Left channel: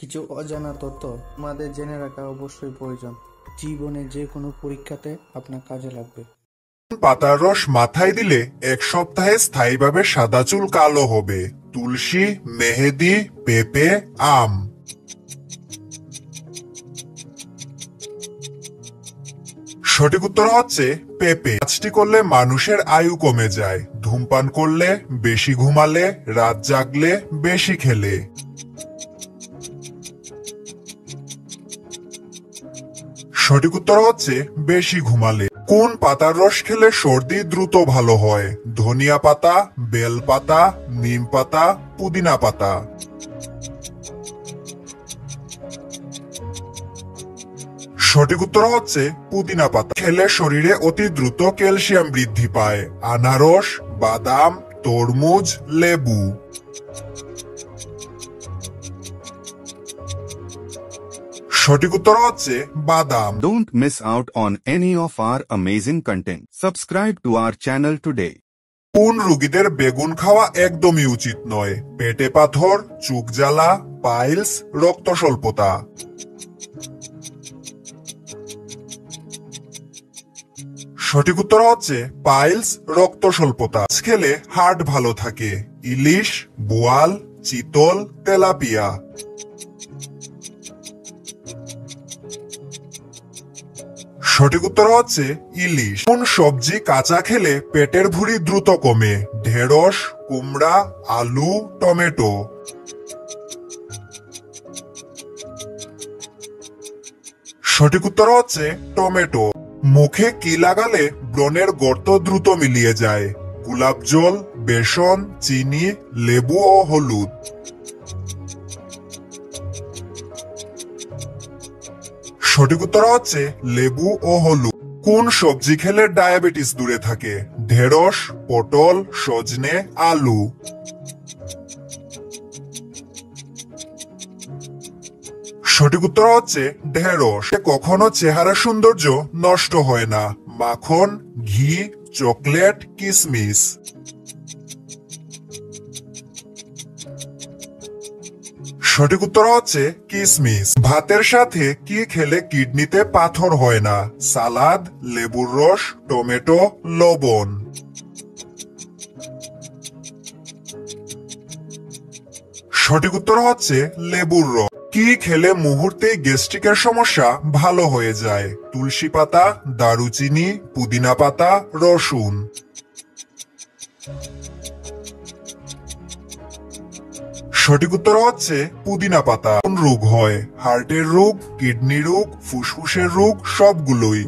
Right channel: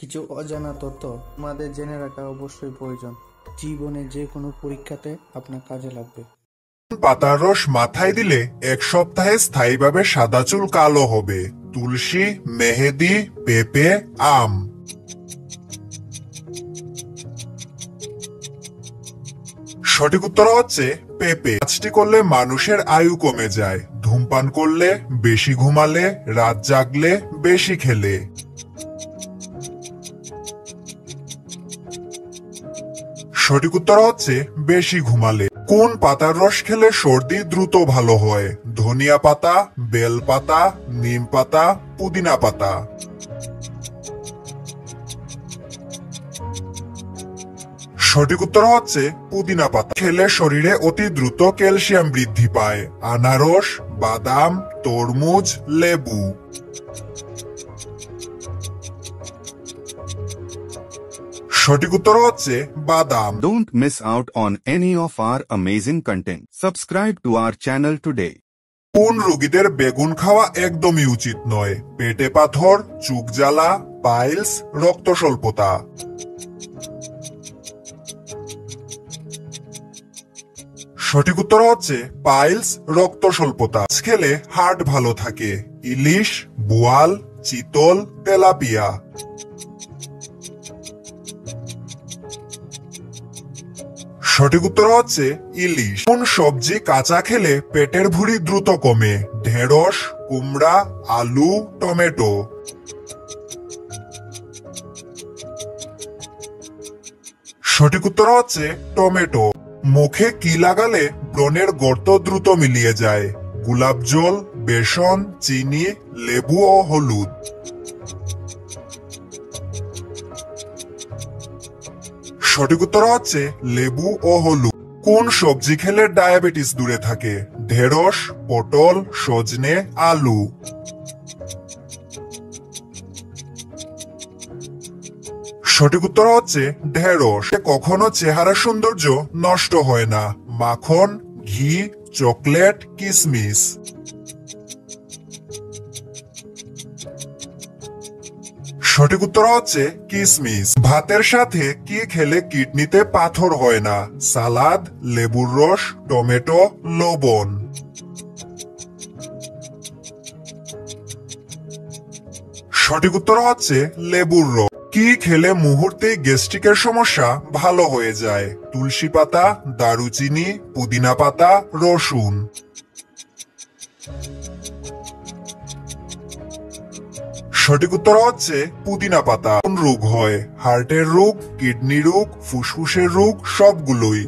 কিছু অজানা তথ্য আমাদের জেনে রাখা অবশ্যই প্রয়োজন। জীবনে যে কোনো পরীক্ষাতে আপনার কাজে লাগবে। পাতার রস মাথায় দিলে 1 সপ্তাহে স্থায়ীভাবে সাদা চুল কালো হবে। তুলসী, মেহেদি, পেঁপে, আম। সঠিক উত্তর হচ্ছে পেঁপে। কাজটি করলে মানুষের আয়ু কমে যায়। ধূমপান করলে, বেশি ঘুমালে, রাত জাগলে, বেশি খেলে। সঠিক উত্তর হচ্ছে বেশি ঘুমালে। কোন পাতার রস খেলে সর্দি দ্রুত ভালো হয়? ধনিয়া পাতা, বেল পাতা, নিম পাতা, পুদিনা পাতা। সঠিক উত্তর হচ্ছে পুদিনা পাতা। খেলে শরীরে অতি দ্রুত ক্যালসিয়াম বৃদ্ধি পায়। আনারস, বাদাম, তরমুজ, লেবু। সঠিক উত্তর হচ্ছে বাদাম। Don't miss out on any of our amazing content. Subscribe to our channel today. কোন রোগীদের বেগুন খাওয়া একদমই উচিত নয়? পেটে পাথর, চোখ জ্বালা, পাইলস, রক্ত স্বল্পতা। সঠিক উত্তর হচ্ছে পাইলস, রক্ত স্বল্পতা। মাছ খেলে হার্ট ভালো থাকে। ইলিশ, বোয়াল, চিতল, তেলাপিয়া। সঠিক উত্তর হচ্ছে ইলিশ। কোন সবজি কাঁচা খেলে পেটের ভুঁড়ি দ্রুত কমে? ঢেঁড়স, কুমড়া, আলু, টমেটো। সঠিক উত্তর হচ্ছে টমেটো। মুখে কি লাগালে ব্রণের গর্ত দ্রুত মিলিয়ে যায়? গোলাপ জল, বেসন, চিনি, লেবু ও হলুদ। সঠিক উত্তর হচ্ছে লেবু ও হলুদ। কোন সবজি খেলে ডায়াবেটিস দূরে থাকে? ঢেঁড়স, পটল, সজনে, আলু। সঠিক উত্তর হচ্ছে ঢেঁড়স। কখনো চেহারার সৌন্দর্য নষ্ট হয় না? মাখন, ঘি, চকলেট, কিশমিশ। সঠিক উত্তর হচ্ছে কিশমিশ। ভাতের সাথে কি খেলে কিডনিতে পাথর হয় না? সালাদ, লেবুর রস, টমেটো, লবণ। সঠিক উত্তর হচ্ছে লেবুর রস। কি খেলে মুহূর্তে গ্যাস্ট্রিকের সমস্যা ভালো হয়ে যায়? তুলসী পাতা, দারুচিনি, পুদিনা পাতা, রসুন। সঠিক উত্তর হচ্ছে পুদিনা পাতা। কোন রোগ হয়? হার্টের রোগ, কিডনি রোগ, ফুসফুসের রোগ, সবগুলোই।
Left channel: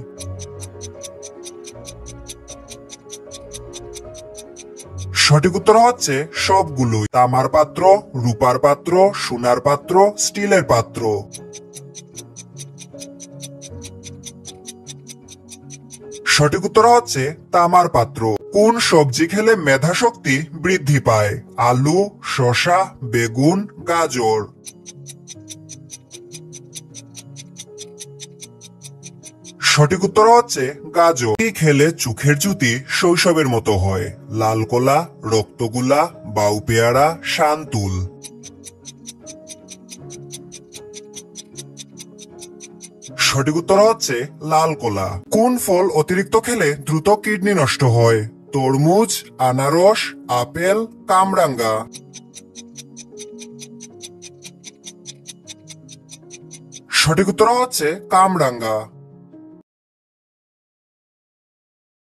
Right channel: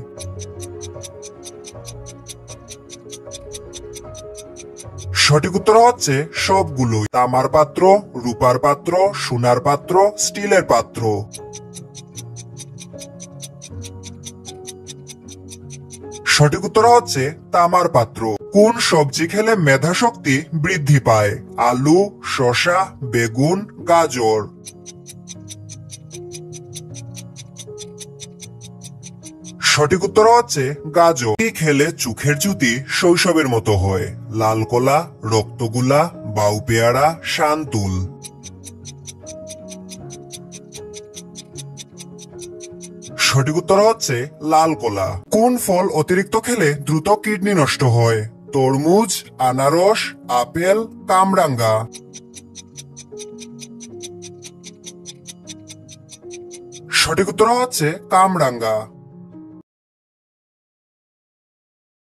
সঠিক উত্তর হচ্ছে সবগুলোই। তামার পাত্র, রূপার পাত্র, সোনার পাত্র, স্টিলের পাত্র। সঠিক উত্তর হচ্ছে তামার পাত্র। কোন সবজি খেলে মেধা শক্তি বৃদ্ধি পায়? আলু, শসা, বেগুন, গাজর। সঠিক উত্তর হচ্ছে গাজর। কি খেলে চোখের জ্যোতি শৈশবের মতো হয়? লাল কলা, রক্তগুলা, বাউ পেয়ারা, শান্তুল। সঠিক উত্তর হচ্ছে লাল কলা। কোন ফল অতিরিক্ত খেলে দ্রুত কিডনি নষ্ট হয়? তরমুজ, আনারস, আপেল, কামরাঙ্গা। সঠিক উত্তর হচ্ছে কামরাঙ্গা।